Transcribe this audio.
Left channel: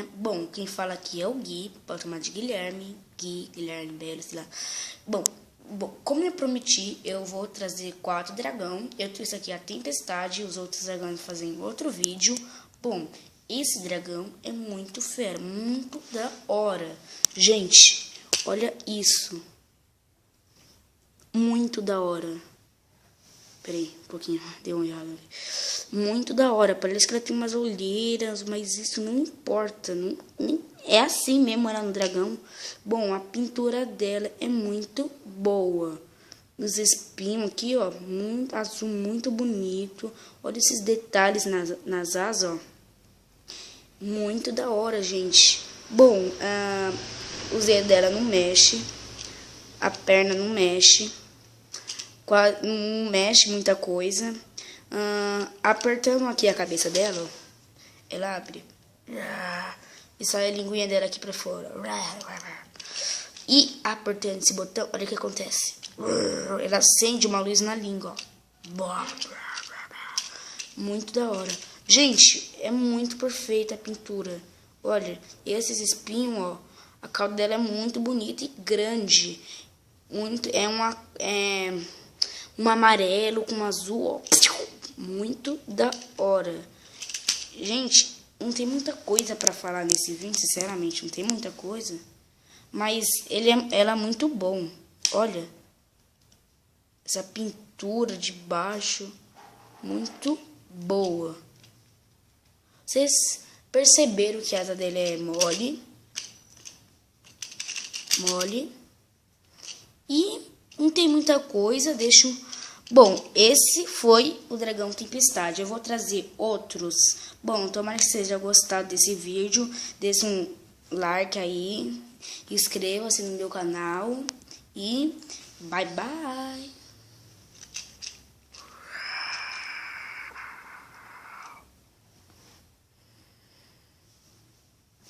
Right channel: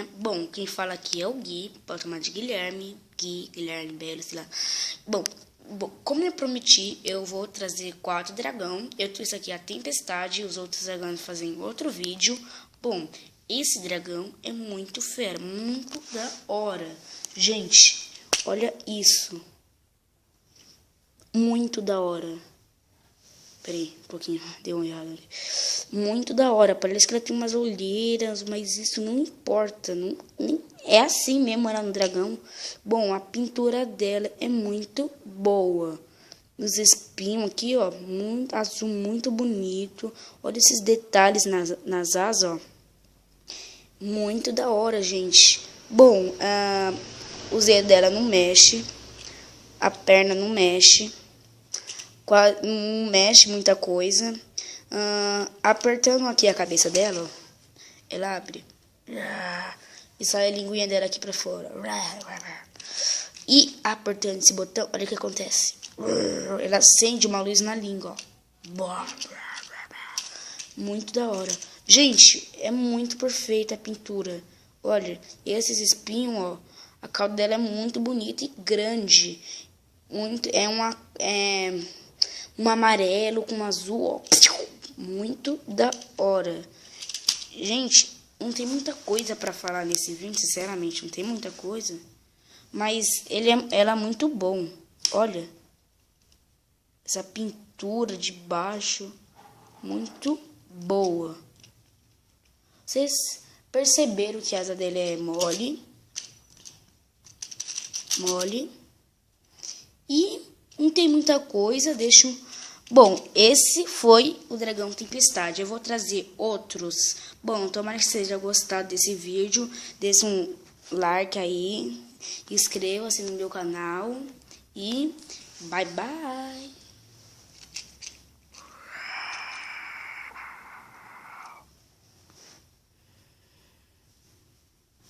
né? Bom, quem fala aqui é o Gui, pode chamar de Guilherme, Guilherme Bela, sei lá. Bom, como eu prometi, eu vou trazer 4 dragão. Eu trouxe aqui a Tempestade, os outros dragões fazem outro vídeo. Bom, esse dragão é muito fera, muito da hora. Gente, olha isso. Muito da hora. Peraí, um pouquinho, deu um errado ali. Muito da hora, parece que ela tem umas olheiras, mas isso não importa. É assim mesmo, ela é um dragão. Bom, a pintura dela é muito boa. Os espinhos aqui, ó, muito azul, muito bonito. Olha esses detalhes nas asas, ó. Muito da hora, gente. Bom, o Z dela não mexe. A perna não mexe. Não mexe muita coisa. Apertando aqui a cabeça dela, ó, ela abre. E sai a linguinha dela aqui pra fora. E apertando esse botão, olha o que acontece. Ela acende uma luz na língua, ó. Muito da hora. Gente, é muito perfeita a pintura. Olha, esses espinhos, ó. A cauda dela é muito bonita e grande. Um amarelo com azul, ó. Muito da hora. Gente, não tem muita coisa pra falar nesse vídeo, sinceramente, não tem muita coisa. Mas ela é muito bom. Olha, essa pintura de baixo, muito boa. Vocês perceberam que a asa dele é mole? Mole. E não tem muita coisa, Bom, esse foi o Dragão Tempestade. Eu vou trazer outros. Bom, tomara que vocês tenham gostado desse vídeo. Deixe um like aí. Inscreva-se no meu canal. E bye bye.